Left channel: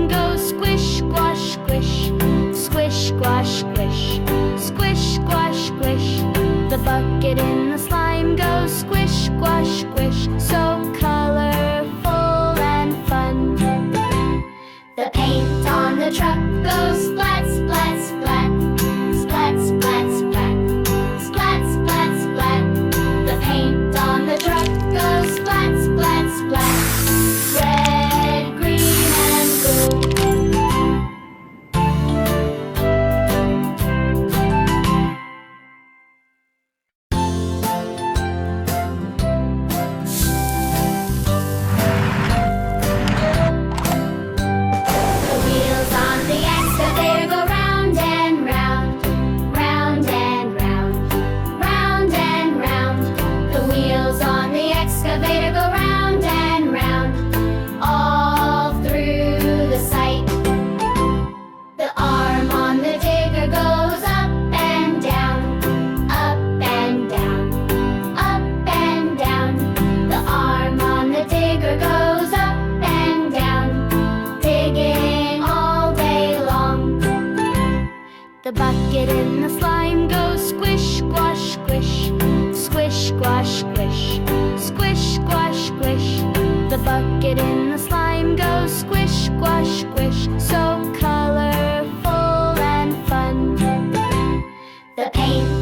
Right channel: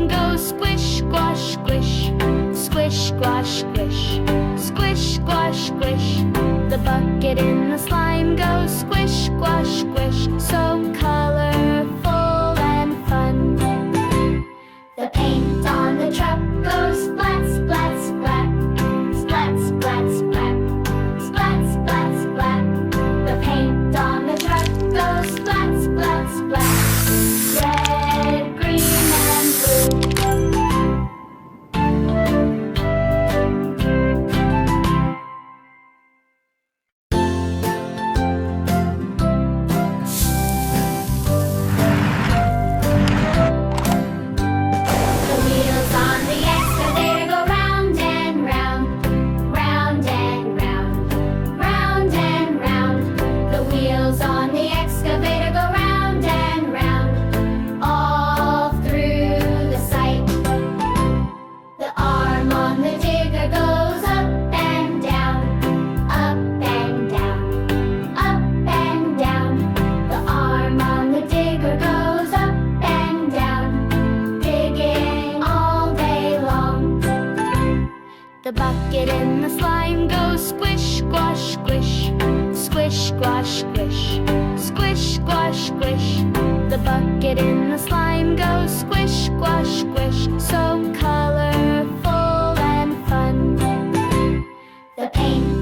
slime goes squish, squash, squish. Squish, squash, squish. Squish, squash, squish. The bucket in the slime goes squish, squash, squish. So colorful and fun. The paint on the truck goes splat, splat, splat. Splat, splat, splat. Splat, splat, splat. The paint on the truck goes splat, splat, splat. Red, green, and blue. The wheels on the excavator go round and round, round and round, round and round. The wheels on the excavator go round and round, all through the site. The arm on the digger goes up and down, up and down, up and down. The arm on the digger goes up and down, digging all day long. The bucket in the slime goes squish, squash, squish. Squish, squash, squish. Squish, squash, squish. The bucket in the slime goes squish, squash, squish. So colorful and fun. The paint